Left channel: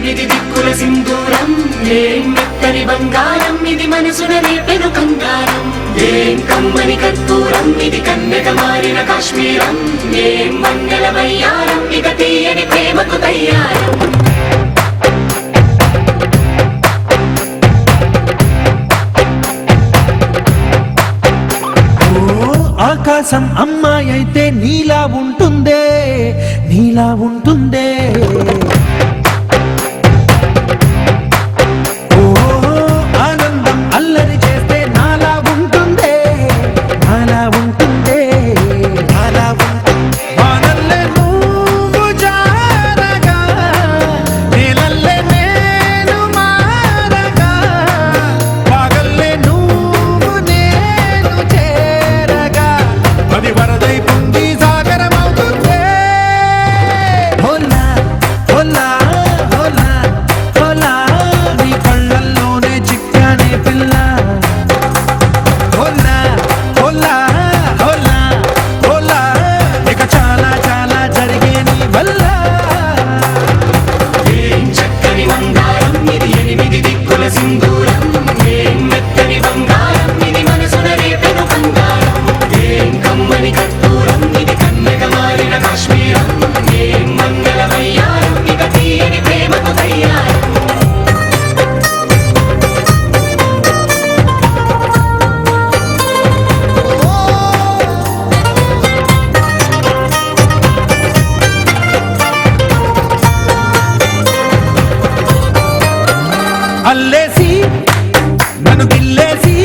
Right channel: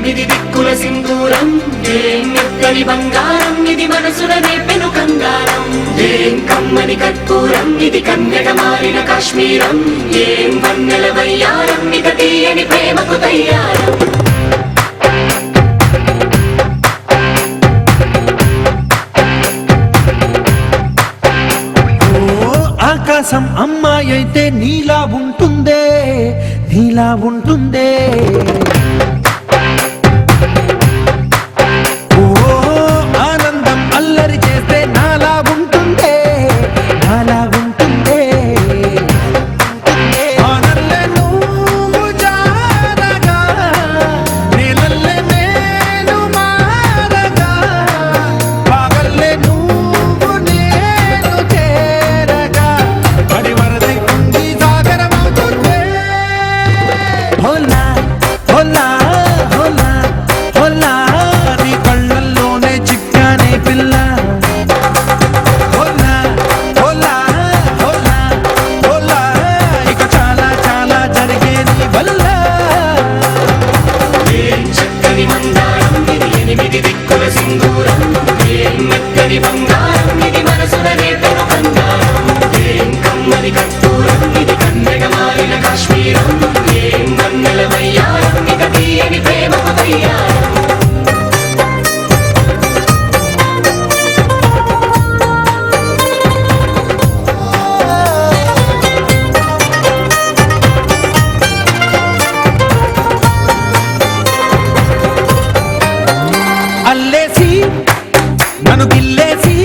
ఎనిమిది దిక్కుల సింధూరం ఏం మెత్తని బంగారం ఇది మనసులనే పెను కంగారం ఏం కమ్మని కర్పూరం ఇది కన్యక మారిన కాశ్మీరం ఏం వన్నెల వయ్యారం ఇక తీయని ప్రేమకు తయ్యారం ఆకాశం అమ్మాయి అయితే నీలా ఉంటుందే నీలా ఉంటుందే ఓ ఆనందం అల్లరి చేస్తే నాలా ఉంటుందే నాలా ఉంటుందే వానల్లే నువ్వు జారగా నీలల్లే నేను మారగా పగల్లే నువ్వు నేను చేరగా పడి వరదై పొంగి సాగరమవుతుందే హోలా హోలా హోలా హోలా నీ కళ్ళల్లోనే చిక్కానే పిల్ల హోలా హోలా హోలా హోలా ఇక చాలా చాలా జరిగే నీ వల్ల ఏం చక్కని మందారం ఇది ఎనిమిది దిక్కుల సింధూరం ఏం మెత్తని బంగారం ఇది మనసులనే పెను కంగారం ఏం కమ్మని కర్పూరం ఇది కన్యక మారిన కాశ్మీరం ఏం వన్నెల వయ్యారం ఇక తీయని ప్రేమకు తయ్యారం అల్లేసి నన్ను గిల్లేసి